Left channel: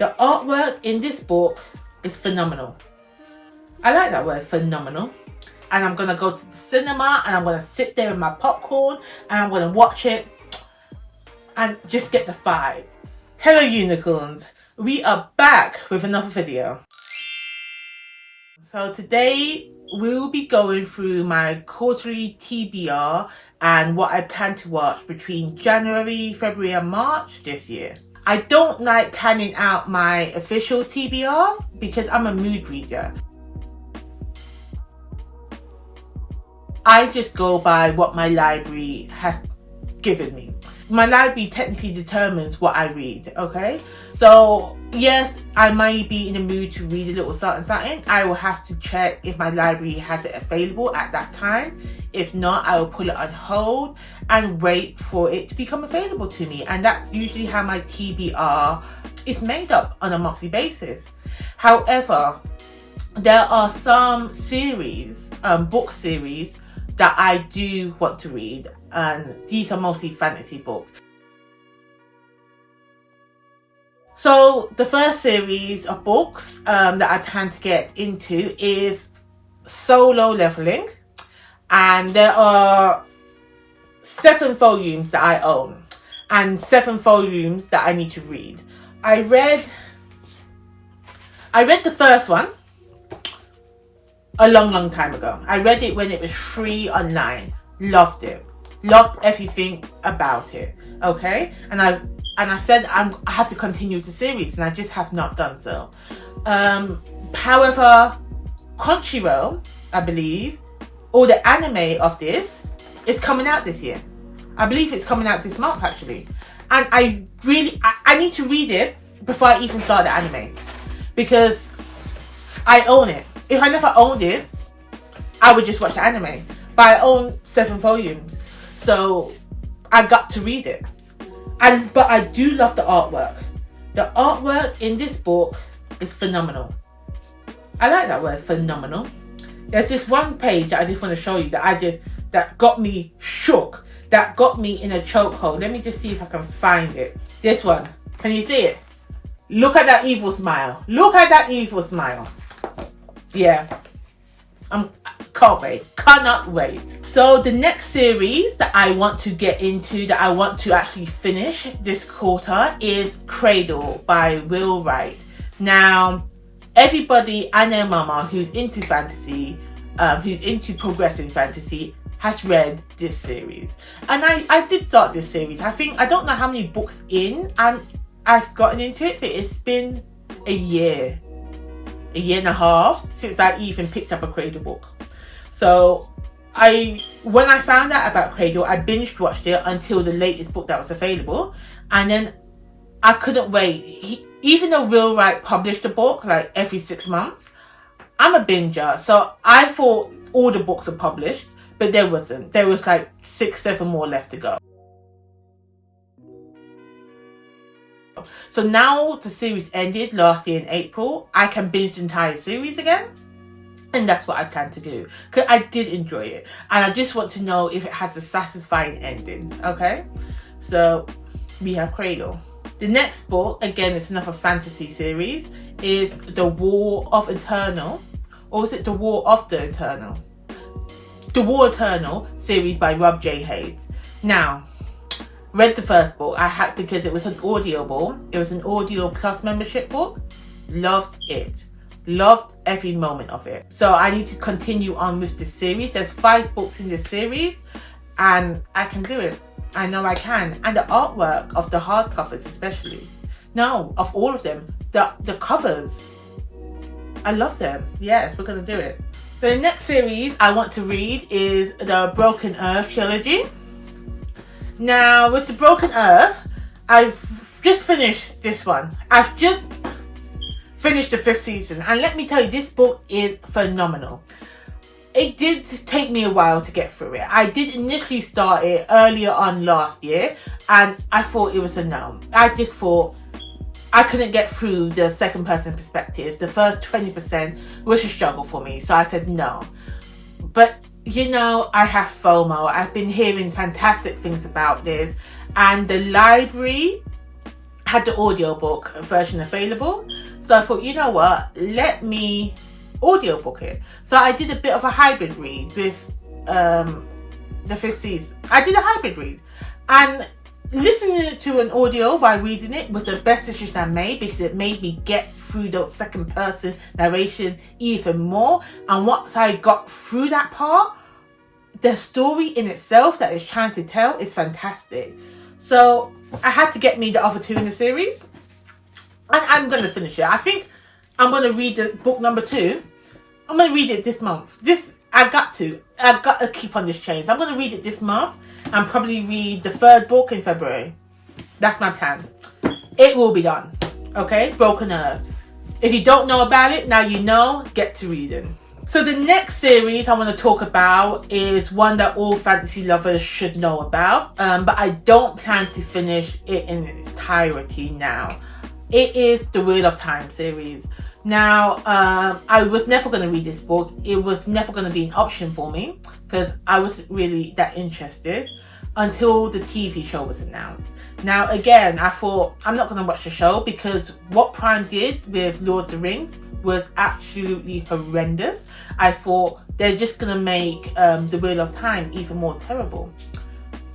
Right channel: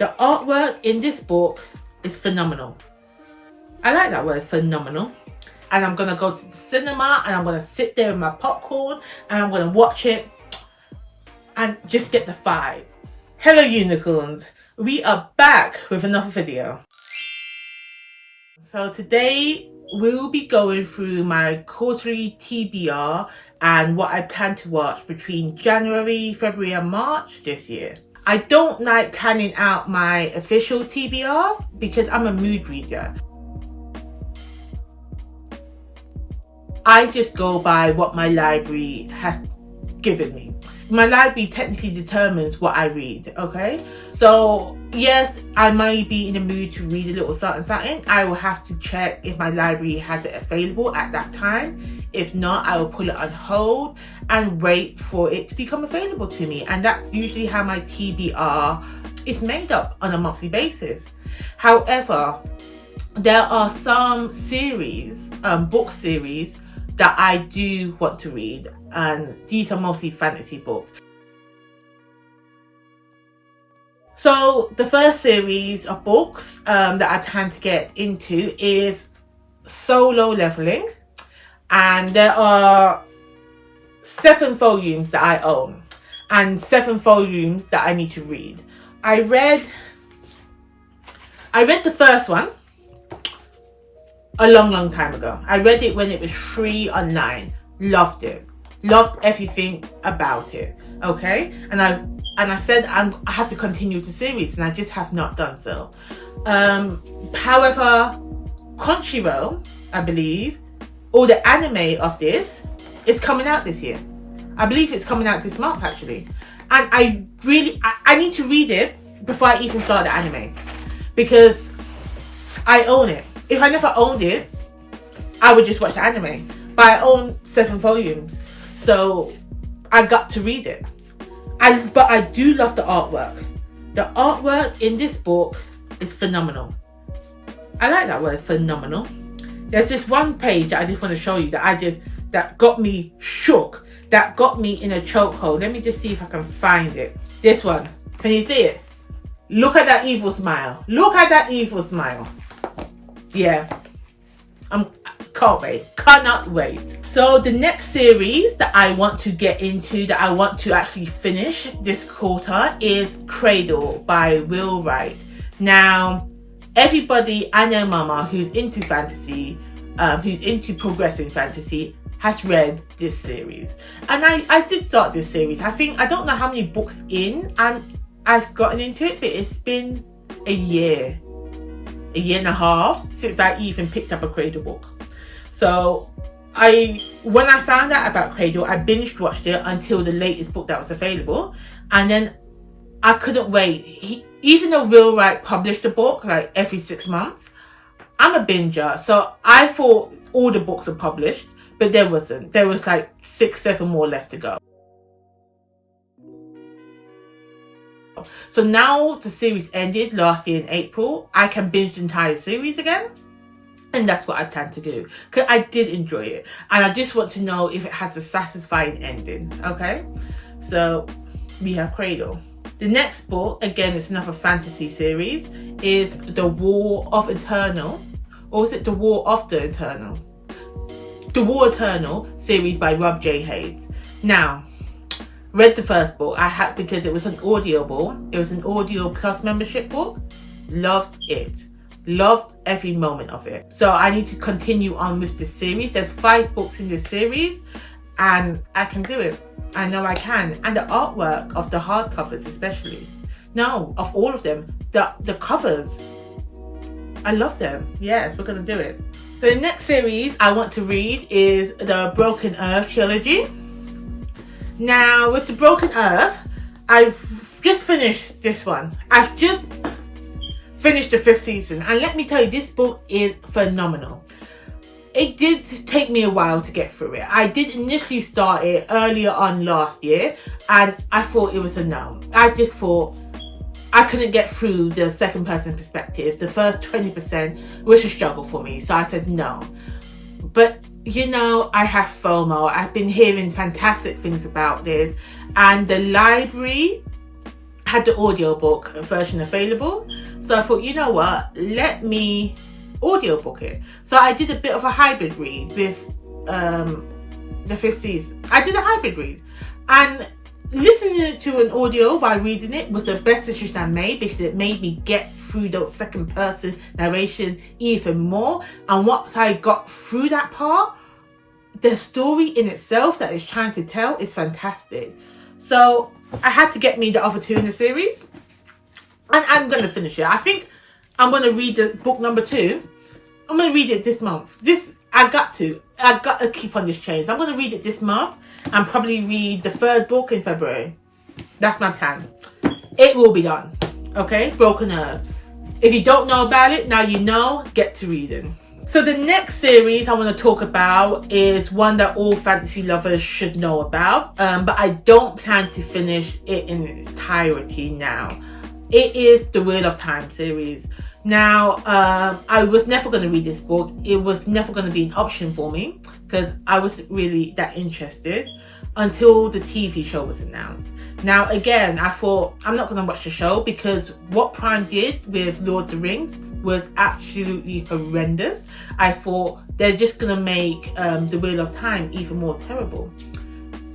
The artwork in this book is phenomenal. I like that word, phenomenal. And I'm going to go to the cinema and I'm going to sit there with my popcorn and I'm going to watch it and just get the vibe. Hello unicorns, we are back with another video. So today we'll be going through my quarterly TBR and what I plan to watch between January, February and March this year. I don't like planning out my official TBRs because I'm a mood reader. I just go by what my library has given me. My library technically determines what I read, okay? So yes, I might be in the mood to read a little something. I will have to check if my library has it available at that time. If not, I will put it on hold and wait for it to become available to me. And that's usually how my TBR is made up on a monthly basis. However, there are some series, book series that I do want to read, and these are mostly fantasy books. So the first series of books that I plan to get into is Solo Leveling, and there are 7 volumes that I own and 7 volumes that I need to read. I read the first one a long time ago. I read it when it was free online. Loved it. Loved everything about it. Okay? And I said I have to continue the series, and I just have not done so. However, Crunchyroll, I believe, or the anime of this is coming out this year. I believe it's coming out this month actually. And I need to read it before I even start the anime, because I own it. If I never owned it, I would just watch the anime. But I own 7 volumes, so I got to read it. But I do love the artwork. The artwork in this book is phenomenal. I like that word, phenomenal. There's this one page that I just want to show you that got me shook, that got me in a chokehold. Let me just see if I can find it. This one. Can you see it? Look at that evil smile. Look at that evil smile. Yeah. Can't wait. Cannot wait. So the next series that I want to get into, that I want to actually finish this quarter, is Cradle by Will Wright. Now, everybody I know, mama, who's into fantasy, who's into progressing fantasy, has read this series. And I did start this series. I don't know how many books in I've gotten into it, but it's been a year and a half since I even picked up a Cradle book. So when I found out about Cradle, I binge watched it until the latest book that was available, and then I couldn't wait. Even though Will Wright published a book like every 6 months, I'm a binger, so I thought all the books are published, but there wasn't. There was like 6-7 more left to go. So now the series ended last year in April, I can binge the entire series again. And that's what I plan to do, because I did enjoy it. And I just want to know if it has a satisfying ending, okay? So we have Cradle. The next book, again, it's another fantasy series, is The War of Eternal. Or is it The War of the Eternal? The War Eternal series by Rob J. Hayes. Now, read the first book. I had, because it was an Audible. It was an Audio Plus membership book. Loved it. Loved every moment of it. So I need to continue on with this series. There's 5 books in this series, and I can do it. I know I can. And the artwork of the hardcovers especially. No, of all of them. The covers. I love them. Yes, we're going to do it. The next series I want to read is the Broken Earth trilogy. Now, with the Broken Earth, I've just finished this one. I've just finished the 5th season, and let me tell you, this book is phenomenal. It did take me a while to get through it. I did initially start it earlier on last year, and I thought it was a no. I just thought I couldn't get through the second person perspective. The first 20% was a struggle for me, so I said no. But you know, I have FOMO. I've been hearing fantastic things about this, and the library had the audiobook version available. So I thought, you know what, let me audiobook it. So I did a bit of a hybrid read with the 5th season. I did a hybrid read, and listening to an audio by reading it was the best decision I made, because it made me get through those second person narration even more. And once I got through that part, the story in itself that it's trying to tell is fantastic. So I had to get me the other 2 in the series, and I'm going to finish it. I think I'm going to read the book number 2. I'm going to read it this month. I got to keep on this chain. So I'm going to read it this month and probably read the 3rd book in February. That's my plan. It will be done. Okay? Broken Earth. If you don't know about it, now you know, get to reading. So the next series I want to talk about is one that all fantasy lovers should know about, but I don't plan to finish it in its entirety now. It is the Wheel of Time series. Now, I was never going to read this book. It was never going to be an option for me, because I wasn't really that interested until the TV show was announced. Now, again, I thought, I'm not going to watch the show, because what Prime did with Lord of the Rings was absolutely horrendous. I thought they're just going to make the Wheel of Time even more terrible.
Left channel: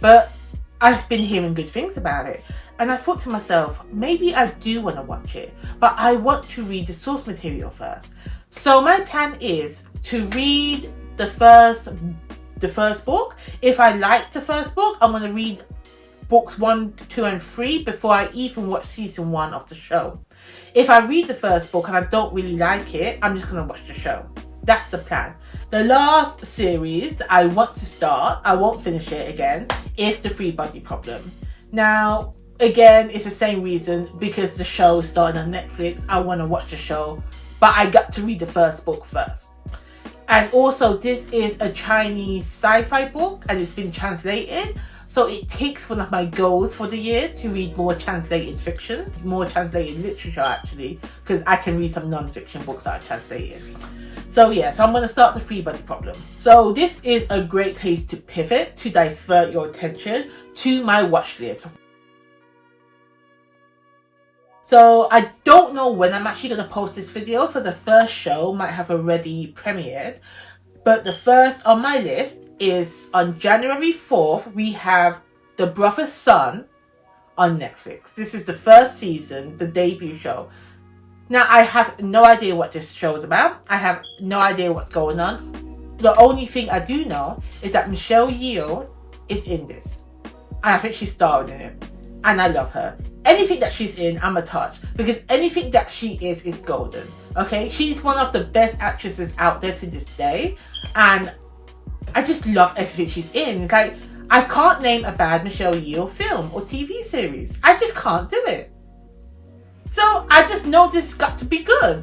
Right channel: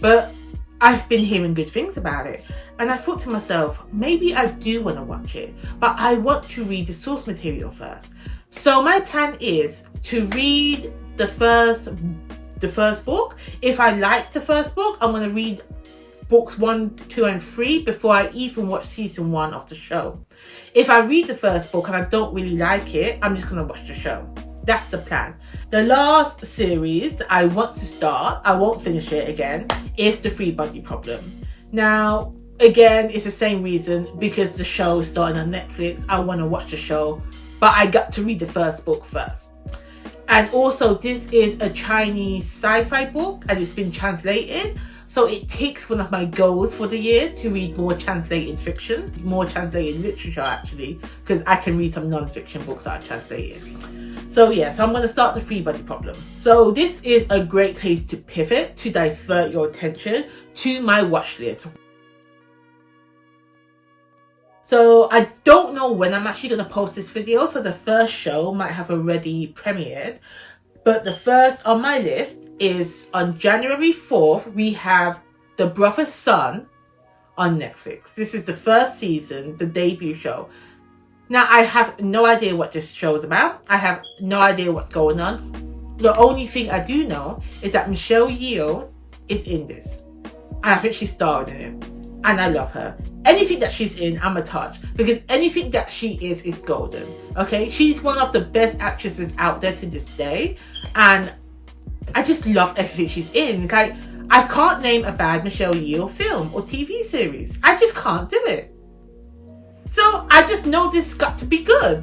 But I've been hearing good things about it. And I thought to myself, maybe I do want to watch it, but I want to read the source material first. So my plan is to read the first book. If I like the first book, I'm going to read books 1, 2, and 3 before I even watch season 1 of the show. If I read the first book and I don't really like it, I'm just going to watch the show. That's the plan. The last series that I want to start, I won't finish it again, is the Three Body Problem. Now, again, it's the same reason, because the show is starting on Netflix. I want to watch the show, but I got to read the first book first. And also, this is a Chinese sci-fi book, and it's been translated. So it takes one of my goals for the year to read more translated fiction, more translated literature actually, because I can read some non-fiction books that are translated. So yeah, so I'm going to start the Three Body Problem. So this is a great place to pivot, to divert your attention to my watch list. So I don't know when I'm actually going to post this video, so the first show might have already premiered. But the first on my list is on January 4th, we have The Brother's Son on Netflix. This is the first season, the debut show. Now, I have no idea what this show is about. I have no idea what's going on. The only thing I do know is that Michelle Yeoh is in this. And I think she's starring in it. And I love her. Anything that she's in, I'm a touch, because anything that she is golden. Okay, she's one of the best actresses out there to this day, and I just love everything she's in. It's like, I can't name a bad Michelle Yeoh film or TV series. I just can't do it. So I just know this got to be good.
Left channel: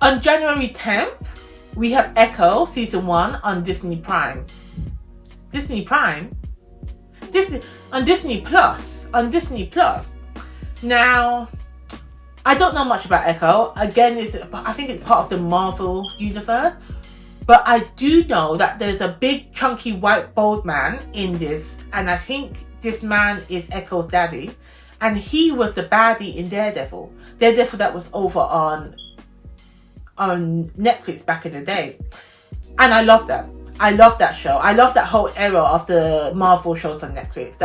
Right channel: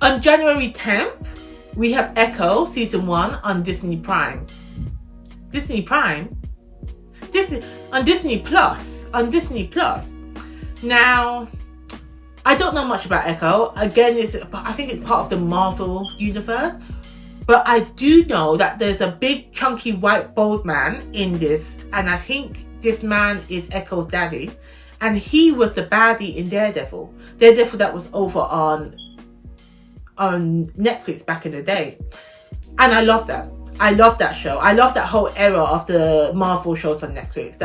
On January 10th, we have Echo season 1 on Disney Prime. Disney Prime? On Disney Plus. Now, I don't know much about Echo. Again, I think it's part of the Marvel universe. But I do know that there's a big, chunky, white, bald man in this. And I think this man is Echo's daddy. And he was the baddie in Daredevil. Daredevil that was over on Netflix back in the day. And I love that. I love that show. I love that whole era of the Marvel shows on Netflix.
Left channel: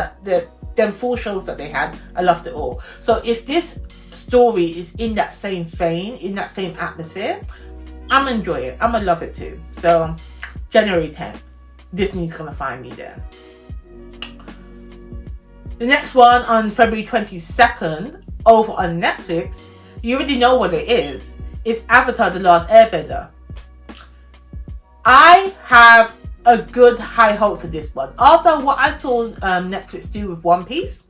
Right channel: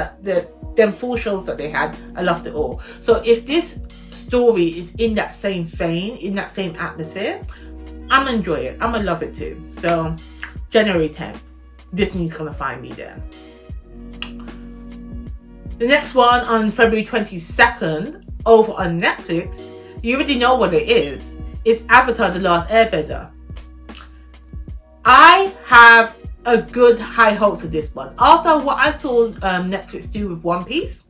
Them 4 shows that they had, I loved it all. So if this story is in that same vein, in that same atmosphere, I'm gonna enjoy it. I'm gonna love it too. So January 10th, Disney's gonna find me there. The next one on February 22nd, over on Netflix, you already know what it is. It's Avatar: The Last Airbender. I have a good high hopes for this one. After what I saw Netflix do with One Piece,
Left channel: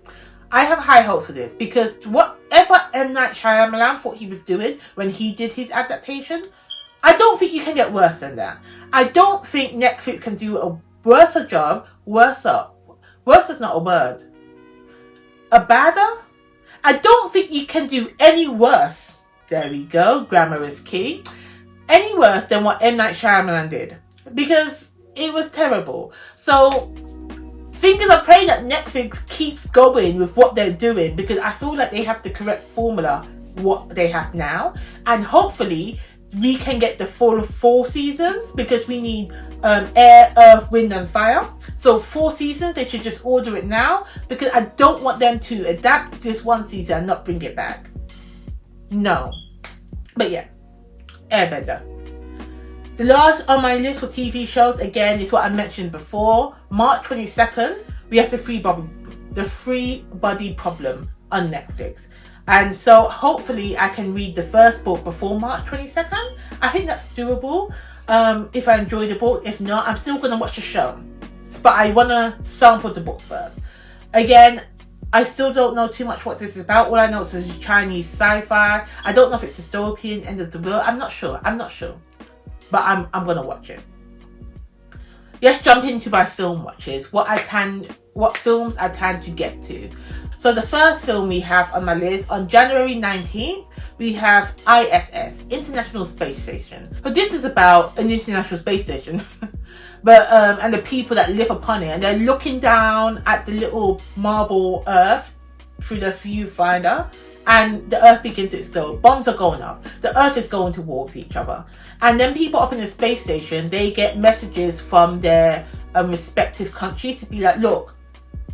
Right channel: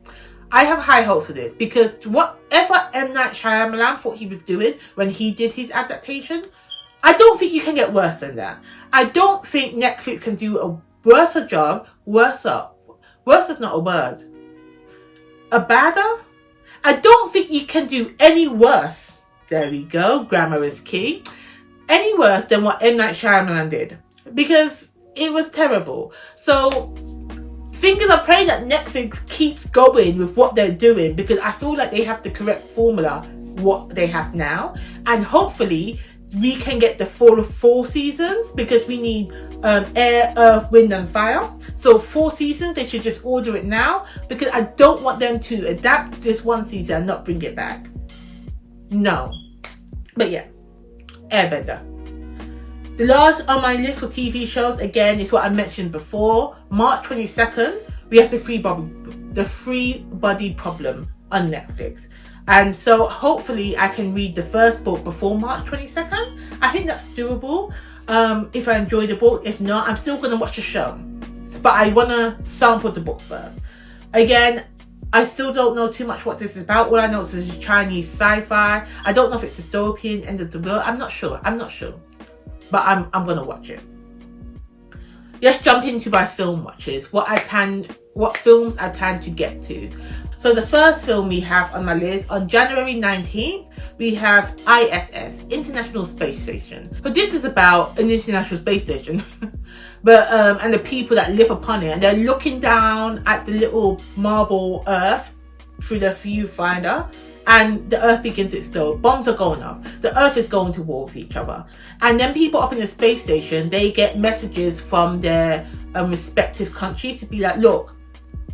I have high hopes for this, because whatever M. Night Shyamalan thought he was doing when he did his adaptation, I don't think you can get worse than that. I don't think Netflix can do a worse job. Worse is not a word. A badder? I don't think you can do any worse. There we go. Grammar is key. Any worse than what M. Night Shyamalan did, because it was terrible. So fingers are praying that Netflix keeps going with what they're doing, because I feel like they have the correct formula what they have now, and hopefully we can get the full 4 seasons, because we need air, earth, wind and fire. So 4 seasons, they should just order it now, because I don't want them to adapt this 1 season and not bring it back. No. But yeah, Airbender. The last on my list for TV shows, again, is what I mentioned before. March 22nd, we have the Free Body Problem on Netflix. And so hopefully I can read the first book before March 22nd. I think that's doable if I enjoy the book. If not, I'm still going to watch the show. But I want to sample the book first. Again, I still don't know too much what this is about. All I know is it's Chinese sci-fi. I don't know if it's dystopian, end of the world. I'm not sure. But I'm going to watch it. Let's jump into my film watches. What films I plan to get to. So the first film we have on my list, on January 19th, we have ISS, International Space Station. So this is about an international space station, but and the people that live upon it, and they're looking down at the little marble Earth through the viewfinder, and the Earth begins to explode. Bombs are going off. The Earth is going to war with each other, and then people up in the space station, they get messages from their respective countries to be like, look,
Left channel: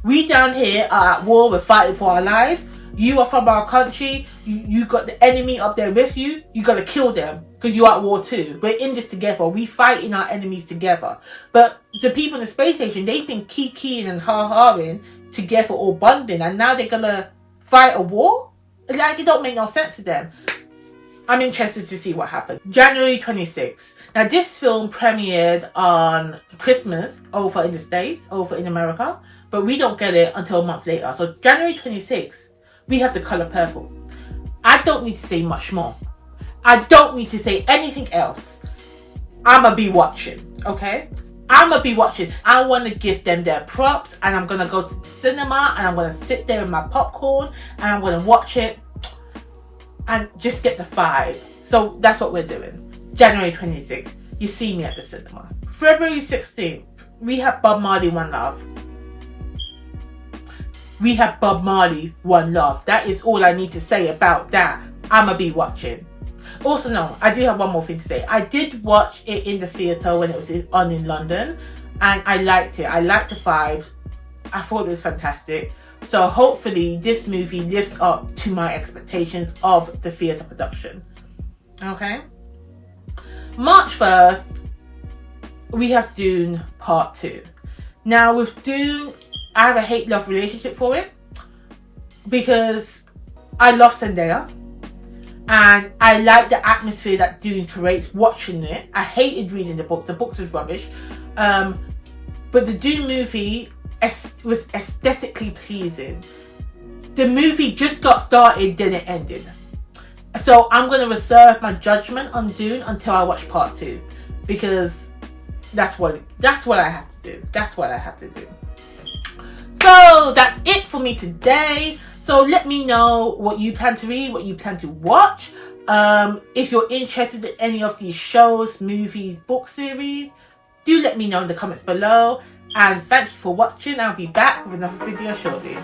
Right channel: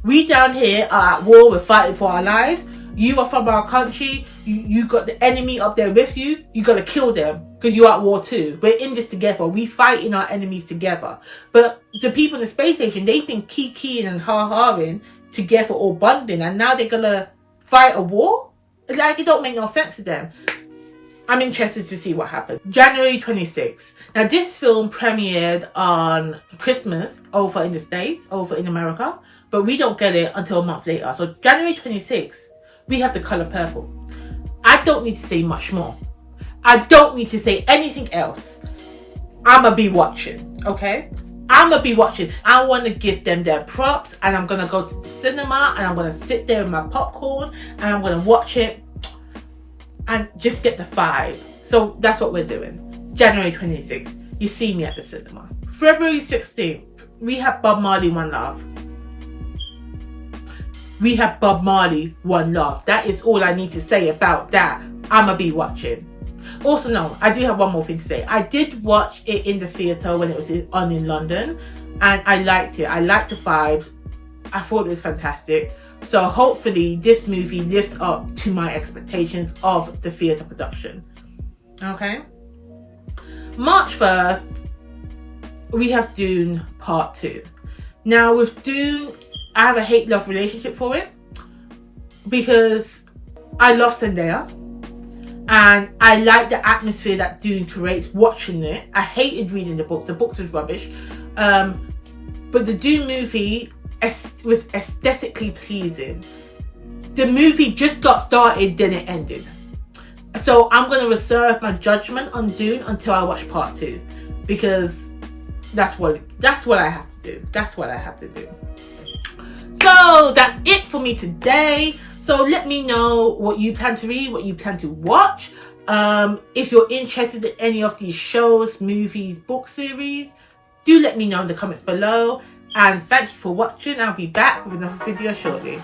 we down here are at war, we're fighting for our lives. You are from our country, you got the enemy up there with you, you gotta kill them, because you're at war too. We're in this together, we fighting our enemies together. But the people in the space station, they've been kikiing and ha-haing together, all bonding, and now they're gonna fight a war? Like, it don't make no sense to them. I'm interested to see what happens. January 26th. Now, this film premiered on Christmas over in the States, over in America, but we don't get it until a month later. So January 26th, we have The Color Purple. I don't need to say much more. I don't need to say anything else. I'ma be watching, okay? I'ma be watching. I want to give them their props, and I'm gonna go to the cinema, and I'm gonna sit there with my popcorn, and I'm gonna watch it and just get the vibe. So that's what we're doing. January 26th, you see me at the cinema. February 16th, we have Bob Marley, One Love. We have Bob Marley, One Love. That is all I need to say about that. I'ma be watching. Also, no, I do have one more thing to say. I did watch it in the theatre when it was on in London, and I liked it. I liked the vibes. I thought it was fantastic. So hopefully this movie lives up to my expectations of the theatre production. Okay. March 1st, we have Dune Part 2. Now with Dune, I have a hate-love relationship for it, because I love Zendaya and I like the atmosphere that Dune creates watching it. I hated reading the book. The books is rubbish. But the Dune movie was aesthetically pleasing. The movie just got started, then it ended. So I'm going to reserve my judgment on Dune until I watch Part 2, because that's what I have to do. That's what I have to do. So that's it for me today. So let me know what you plan to read, what you plan to watch. If you're interested in any of these shows, movies, book series, do let me know in the comments below. And thank you for watching. I'll be back with another video shortly.